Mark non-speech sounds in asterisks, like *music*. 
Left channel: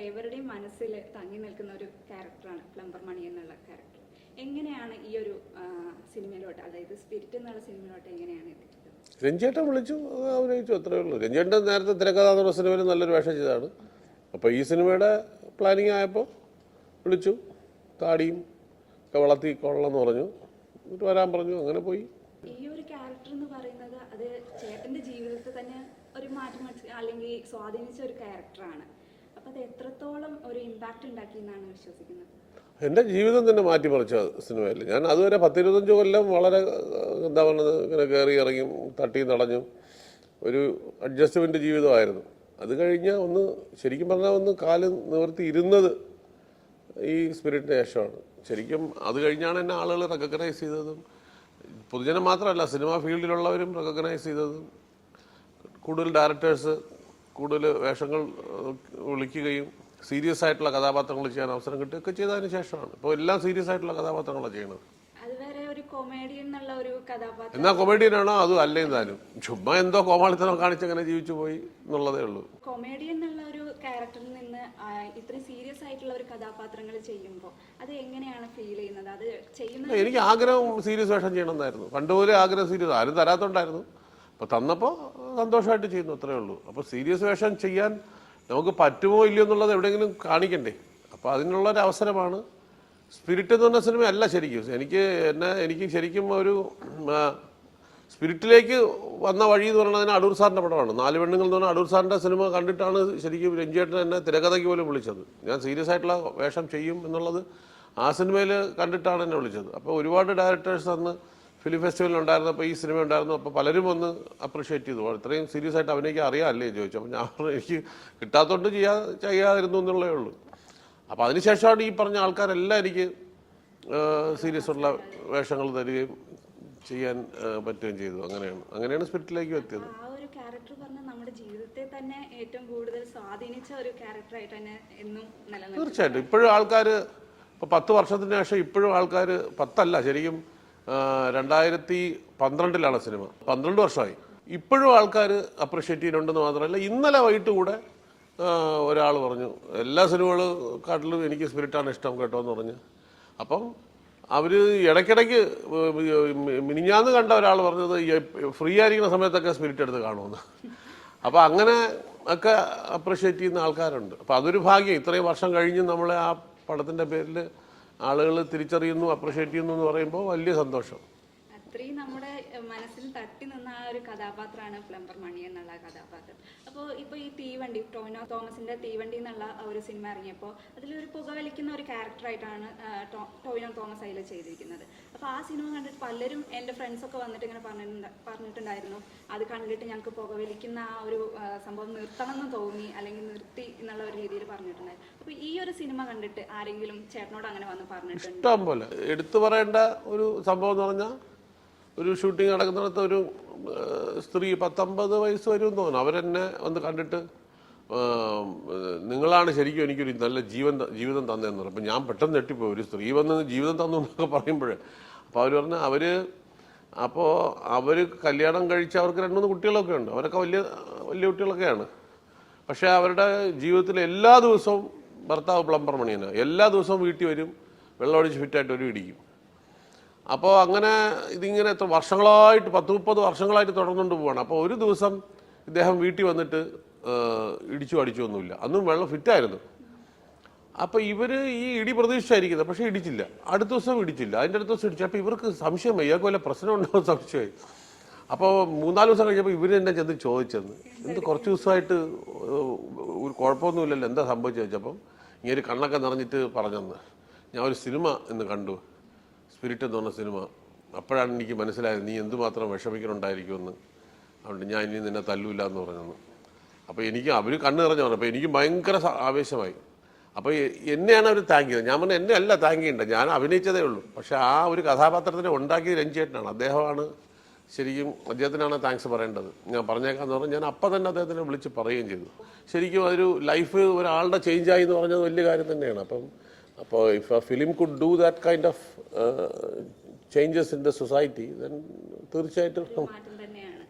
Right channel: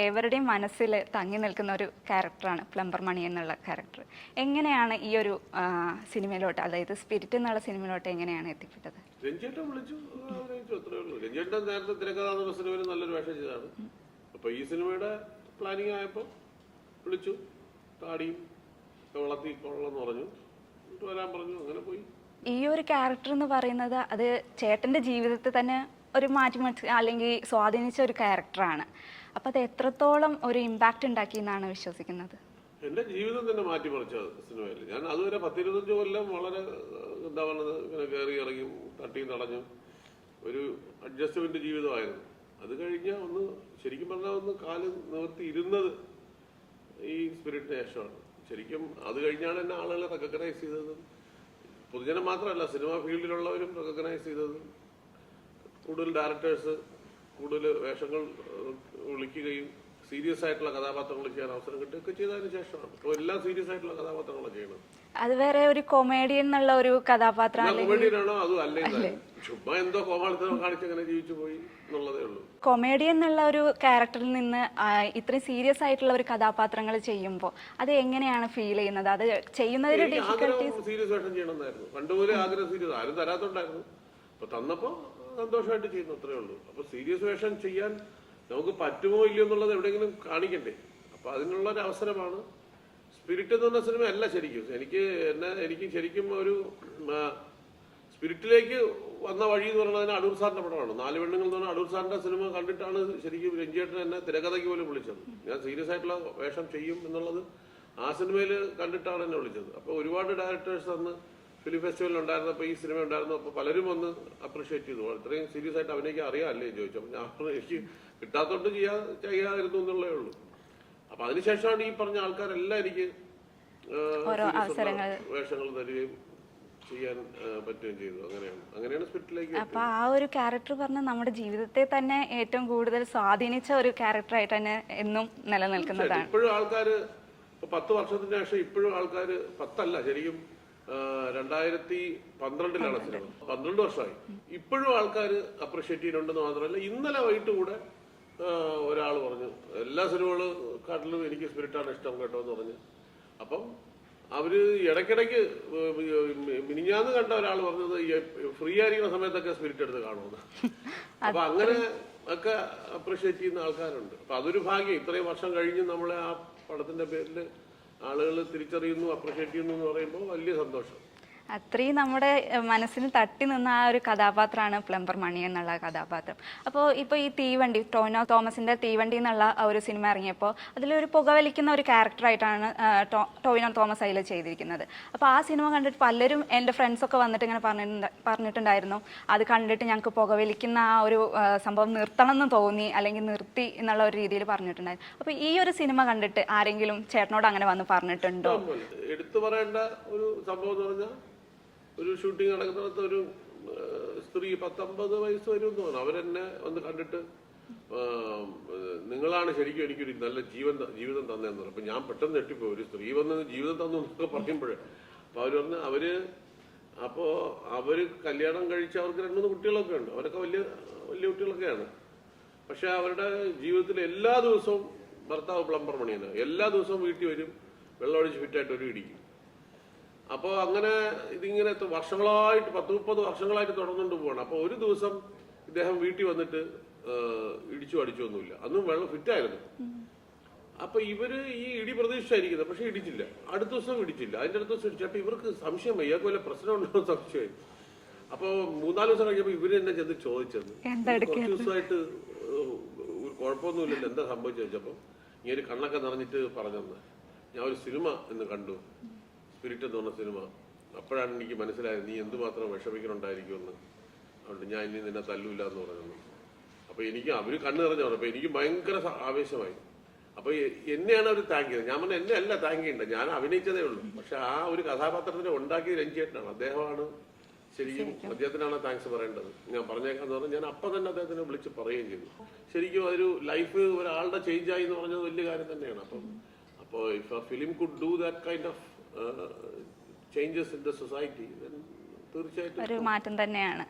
ഏവരുടെയും മനസ്സിൽ തങ്ങി നിൽക്കുന്ന ഒരു ക്യാരക്ടറാണ് പ്ലംബർ മണി എന്നുള്ള ക്യാരക്ടർ. എങ്ങനെയാണ് ഈ ഒരു സിനിമയിലോട്ട് അതായത് സ്പിരിറ്റ് എന്നുള്ള സിനിമയിലോട്ട് എങ്ങനെയാണ് എത്തിപ്പെട്ടത്? രഞ്ജേട്ടൻ വിളിച്ചു അഭിനയിച്ചു അത്രേ ഉള്ളൂ. രഞ്ജേട്ടൻ നേരത്തെ തിരക്കഥാ എന്നുള്ള സിനിമയിൽ നല്ലൊരു വേഷം ചെയ്തതാണ്. അപ്പോൾ ഈ സിനിമയുടെ പ്ലാനിങ് ആയപ്പോൾ വിളിച്ചു താടിയും ഒക്കെ വളർത്തി കൊള്ളെന്ന് പറഞ്ഞു. എന്നിട്ട് വരാൻ പറഞ്ഞു അങ്ങനെ പോയി. ഈ ഒരു ക്യാരക്ടർ എന്ന് പറയുന്നത് അത് ചേട്ടന്റെ ജീവിതത്തിൽ തന്നെ ഒരു മാറ്റിമറിച്ച് അല്ലെങ്കിൽ സ്വാധീനിച്ച ഒരു ക്യാരക്ടറാണ് അപ്പോൾ അത് എത്രത്തോളം ഒരു ഇമ്പാക്റ്റ് ഉണ്ടാക്കി എന്നാണ് വിശ്വസിക്കുന്നത്? എന്റെ ജീവിതം തന്നെ മാറ്റിമറിച്ച സിനിമയിൽ. ഞാൻ അതുവരെ പത്തിരുപത്തഞ്ച് കൊല്ലം വളരെ എന്താ പറയുന്നത് ഇങ്ങനെ കയറി ഇറങ്ങി തട്ടി നടഞ്ഞു. ഒരു അഡ്ജസ്റ്റ്മെന്റ് ജീവിതമായിരുന്നു. അത് കഴിഞ്ഞ് ഒന്ന് ശരിക്കും പറഞ്ഞാൽ ഒന്ന് കാൽ നിവർത്തി ഇരുന്നത് ഈ സ്പിരിറ്റിന് ശേഷമാണ്. ശരിക്കും അത് കഴിഞ്ഞാണ് എന്നെ ആളുകൾ റെക്കഗ്നൈസ് ചെയ്തതും. പൊതുജനം മാത്രമല്ല സിനിമാ ഫീൽഡിലുള്ളവരും റെക്കഗ്നൈസ് ചെയ്തതും. കൂടുതൽ ഡയറക്ടേഴ്സ് കൂടുതൽ വേഷങ്ങൾ വിളിക്കുകയും സീരിയസ് ആയിട്ടുള്ള കഥാപാത്രങ്ങൾ ചെയ്യാൻ അവസരം കിട്ടുകയൊക്കെ ചെയ്തതിന് ശേഷമാണ്. ഇപ്പോൾ എല്ലാം സീരിയസ് ആയിട്ടുള്ള കഥാപാത്രങ്ങളാണ് ചെയ്യുന്നത്. അത് വേറെ ഒരു കൊമേഡിയൻ എന്നുള്ള ഒരു കഥാപാത്രം എന്നാ കൊമേഡിയനാണോ അത് അല്ലേ താനും ചുമ്മാ എന്തോ കോമാളിത്തരം കാണിച്ചങ്ങനെ ജീവിച്ചു പോയി എന്നുള്ളതേ ഉള്ളൂ. കൊമേഡിയൻ എന്നുള്ള ഒരു ക്യാരക്ടറിൽ നിന്ന് ഇത്ര ഇത്രയും സീരിയസ് ആയിട്ടുള്ള ഒരു കഥാപാത്രങ്ങൾ ചെയ്യുമ്പോൾ അത് എങ്ങനെയാണ് ഫീൽ ചെയ്യുന്നത്? അത് ചെയ്യുന്നത് എനിക്ക് ആഗ്രഹം സീരിയസ് വേഷം ചെയ്യണമെന്നായിരുന്നു. പണ്ട് മുതലേ ആഗ്രഹം സീരിയസ് ആരും തരാത്തോണ്ടായിരുന്നു. അപ്പൊ തന്നപ്പോ സന്തോഷമായിട്ട് ചെയ്യുന്നു അത്രേ ഉള്ളൂ. അപ്പോൾ സീരിയസ് വേഷം ചെയ്യാൻ നമുക്ക് പറ്റുമോ ഇല്ലയോ എന്നുള്ളത് എവിടെയെങ്കിലും കാണിക്കണ്ടേ? അപ്പോൾ അതിനുള്ള ഒരു അവസരമാണ്. സ്പിരിറ്റ് എന്ന് പറഞ്ഞ സിനിമ അല്ല ശരിക്കും. എനിക്ക് എന്നെ എനിക്ക് ശരിക്കും ഒരു സ്പിരിറ്റിലേക്ക് വന്ന വഴി എന്ന് പറയുന്നത് അടൂർ സാറിന്റെ പടമാണ്. നാല് പെണ്ണുങ്ങൾ എന്ന് പറഞ്ഞാൽ അടൂർ സാറിന്റെ സിനിമ കണ്ടിട്ടാണ് ശരിക്കും രഞ്ജിയേട്ടൻ എന്നെ തിരക്കഥയ്ക്ക് പോലും വിളിച്ചത്. ഞാൻ സീരിയസ് ആയിട്ടുള്ള വേഷം ചെയ്യും എന്നുള്ളത് ആ സിനിമയിൽ കണ്ടിട്ടാണ് എന്നെ വിളിച്ചത്. അപ്പോൾ ഒരുപാട് ഡയറക്ടേഴ്സ് അന്ന് ഫിലിം ഫെസ്റ്റിവലിൽ ഉണ്ടായിരുന്നപ്പോൾ ഈ സിനിമ ഉണ്ടായിരുന്നു. അപ്പോൾ പലരും ഒന്ന് അപ്രീഷിയേറ്റ് ചെയ്തു. ഇത്രയും സീരിയസ് ആയിട്ട് അവനെനിക്ക് അറിയാമല്ലേ ചോദിച്ചു. അപ്പോൾ ഞാൻ പറഞ്ഞു, എനിക്ക് കിട്ടാത്തതുകൊണ്ട് ചെയ്യാ ചെയ്യാതിരുന്നു എന്നുള്ളേ ഉള്ളൂ. അപ്പോൾ അതിനുശേഷമാണ് ഈ പറഞ്ഞ ആൾക്കാരെല്ലാം എനിക്ക് സീരിയസ് ഉള്ള വേഷങ്ങൾ തരികയും ചെയ്യാൻ പറ്റുകയും ചെയ്തു. അങ്ങനെയാണ്. അങ്ങനെയാണ് സ്പിരിറ്റിലേക്ക് അപ്പോൾ ആ ഒരു ക്യാരക്ടർ പറഞ്ഞാൽ നമ്മുടെ ജീവിതത്തെ തന്നെ ഏറ്റവും കൂടുതൽ സ്വാധീനിച്ച ഒരു ക്യാരക്ടറായിട്ട് തന്നെ എന്നും നിലനിൽക്കുന്നതാണ്. തീർച്ചയായിട്ടും. ഇപ്പോഴും ആൾക്കാർ ഇപ്പോൾ പത്ത് വർഷത്തിന് ശേഷം ഇപ്പോഴും ആൾക്കാർ പത്തല്ല. ശരിക്കും രണ്ടായിരത്തി പന്ത്രണ്ടിലാണ് സിനിമ. പന്ത്രണ്ട് വർഷമായി. ഇപ്പോഴും ആൾക്കാർ അപ്രിഷ്യേറ്റ് ചെയ്യുന്നുണ്ടെന്ന് മാത്രമല്ല ഇന്നലെ വൈകിട്ട് കൂടെ ഒരാൾ പറഞ്ഞു എല്ലാ സിനിമകളും സിനിമകളെക്കാട്ടിലും എനിക്ക് സ്പിരിറ്റാണ് ഇഷ്ടം കേട്ടോ എന്ന് പറഞ്ഞു. അപ്പം അവർ ഇടയ്ക്കിടയ്ക്ക് മിനിഞ്ഞാന്ന് കണ്ട ഒരാൾ പറഞ്ഞത് ഫ്രീ ആയിരിക്കുന്ന സമയത്തൊക്കെ സ്പിരിറ്റ് എടുത്ത് കാണുമെന്ന്. *laughs* അപ്പം അങ്ങനെ ഒക്കെ അപ്രിഷ്യേറ്റ് ചെയ്യുന്ന ആൾക്കാരുണ്ട്. അപ്പം അതൊരു ഭാഗ്യം. ഇത്രയും വർഷം കഴിഞ്ഞ് നമ്മളെ ആ പടത്തിന്റെ പേരിൽ ആളുകൾ തിരിച്ചറിയുന്നു അപ്രിഷ്യേറ്റ് ചെയ്യുന്നു എന്ന് പറയുമ്പോൾ വലിയ സന്തോഷം. അത്രയും നമ്മുടെ മനസ്സിന് തട്ടി നിന്ന ആ ഒരു കഥാപാത്രമാണ് പ്ലംബർ മണി എന്നുള്ള കഥാപാത്രം. അപ്പോൾ ഇപ്പോൾ ഈ തീവണ്ടി ടോനോ തോമസിന്റെ തീവണ്ടി എന്നുള്ള ഒരു സിനിമ ഇറങ്ങിയപ്പോൾ അതിലൊരു പുകവലിക്കുന്ന ഒരു ക്യാരക്ടറായിട്ടാണ് ടോയിനോ തോമസ് അതിൽ ചെയ്തിരിക്കുന്നത്. അപ്പോൾ ആ സിനിമ കണ്ടിട്ട് പലരും എന്റെ ഫ്രണ്ട്സൊക്കെ വന്നിട്ട് ഇങ്ങനെ പറഞ്ഞിട്ടുണ്ട് പറഞ്ഞിട്ടുണ്ടായിരുന്നു. അത് കണ്ടിട്ട് ഞങ്ങൾക്ക് പുകവലിക്കുന്ന ആ ഒരു സംഭവം നിർത്തണം എന്ന് തോന്നി അല്ലെങ്കിൽ നിർത്തി എന്നുള്ള ഒരു രീതിയിൽ പറഞ്ഞിട്ടുണ്ടായിരുന്നു. അപ്പോൾ ഈ ഒരു സിനിമ കണ്ടിട്ട് ആരെങ്കിലും ചേട്ടനോട് അങ്ങനെ വന്ന് പറഞ്ഞിട്ടുണ്ട്? എടുത്തു പറയേണ്ട ഒരു സംഭവം എന്ന് പറഞ്ഞാൽ ഒരു ഷൂട്ടിംഗ് നടക്കുന്നിടത്ത് ഒരു സ്ത്രീ പത്തൊമ്പത് വയസ്സ് വരും തോന്നുന്നു. അവരെന്നെ വന്ന് കണ്ടിട്ട് നിങ്ങളാണ് ശരിക്കും എനിക്കൊരു നല്ല ജീവൻ ജീവിതം തന്നതെന്ന് പറഞ്ഞു അപ്പം ഞാൻ പെട്ടെന്ന് ഞെട്ടിപ്പോയി. ഒരു സ്ത്രീ വന്ന് ജീവിതം തന്നു എന്നൊക്കെ പറയുമ്പോഴേ. അപ്പോൾ അവർ പറഞ്ഞ അവർ അപ്പോൾ അവർ കല്യാണം കഴിച്ച അവർക്ക് രണ്ട് മൂന്ന് കുട്ടികളൊക്കെ ഉണ്ട്. അവരൊക്കെ വലിയ വലിയ കുട്ടികളൊക്കെയാണ്. പക്ഷേ അവരുടെ ജീവിതത്തിൽ എല്ലാ ദിവസവും ഭർത്താവ് പ്ലംബർ മണിയാണ് എല്ലാ ദിവസവും വീട്ടിൽ വരും വെള്ളമടിച്ച് ഫിറ്റായിട്ട് ഒരു ഇടിക്കും. അപ്പോൾ അങ്ങനെ ഇതിങ്ങനെ എത്ര വർഷങ്ങളായിട്ട് പത്ത് മുപ്പത് വർഷങ്ങളായിട്ട് തുടർന്നുകൊണ്ട് പോവാണ്. അപ്പോൾ ഒരു ദിവസം ഇദ്ദേഹം വീട്ടിൽ വന്നിട്ട് ഇടിച്ചു അടിച്ചു ഒന്നുമില്ല അന്നും വെള്ളം ഫിറ്റായിരുന്നു. അപ്പൊ ഇവർ ഈ ഇടി പ്രതീക്ഷിച്ചായിരിക്കുന്നത്. പക്ഷെ ഇടിച്ചില്ല. അടുത്ത ദിവസം ഇടിച്ചില്ല. അതിന്റെ അടുത്ത ദിവസം ഇടിച്ചു. അപ്പൊ ഇവർക്ക് സംശയം ഇയാൾക്ക് വല്ല പ്രശ്നം ഉണ്ടാവും സംശയമായി. അപ്പോൾ മൂന്നാൽ ദിവസം കഴിഞ്ഞപ്പോൾ ഇവർ തന്നെ ചെന്ന് ചോദിച്ചെന്ന്. ഇത് കുറച്ച് ദിവസമായിട്ട് ഒരു കുഴപ്പമൊന്നുമില്ലല്ലോ. എന്താ സംഭവിച്ചു ചോദിച്ചപ്പം ഇങ്ങനെ ഒരു കണ്ണൊക്കെ നിറഞ്ഞിട്ട് പറഞ്ഞു ഞാൻ ഒരു സിനിമ ഇന്ന് കണ്ടു. സ്പിരിറ്റ് എന്ന് പറഞ്ഞ സിനിമ അപ്പോഴാണ് എനിക്ക് മനസ്സിലായത് നീ എന്തുമാത്രം വിഷമിക്കണുണ്ടായിരിക്കുമെന്ന്. അതുകൊണ്ട് ഞാൻ ഇനി നിന്നെ തല്ലൂല എന്ന് പറഞ്ഞു അപ്പോൾ എനിക്ക് അവർ കണ്ണ് നിറഞ്ഞു പറഞ്ഞു. അപ്പോൾ എനിക്ക് ഭയങ്കര ആവേശമായി. അപ്പോൾ എന്നെയാണ് അവർ താങ്ക് ചെയ്തത്. ഞാൻ പറഞ്ഞു എന്നെ അല്ല താങ്ക് ചെയ്യേണ്ടത്. ഞാൻ അഭിനയിച്ചതേ ഉള്ളൂ. പക്ഷേ ആ ഒരു കഥാപാത്രത്തിനെ ഉണ്ടാക്കിയത് രഞ്ജിയേട്ടനാണ്. അദ്ദേഹമാണ് ശരിക്കും അദ്ദേഹത്തിനാണ് താങ്ക്സ് പറയേണ്ടത്. ഞാൻ പറഞ്ഞേക്കാന്ന് പറഞ്ഞാൽ ഞാൻ അപ്പം തന്നെ അദ്ദേഹത്തിനെ വിളിച്ച് പറയുകയും ചെയ്തു. ശരിക്കും അതൊരു ലൈഫ് ഒരാളുടെ ചേഞ്ചായി എന്ന് പറഞ്ഞത് വലിയ കാര്യം തന്നെയാണ്. അപ്പം അപ്പോൾ if a film could do that kind of changes in the society തീർച്ചയായിട്ടും ഒരു മാറ്റം തന്നെയാണ്.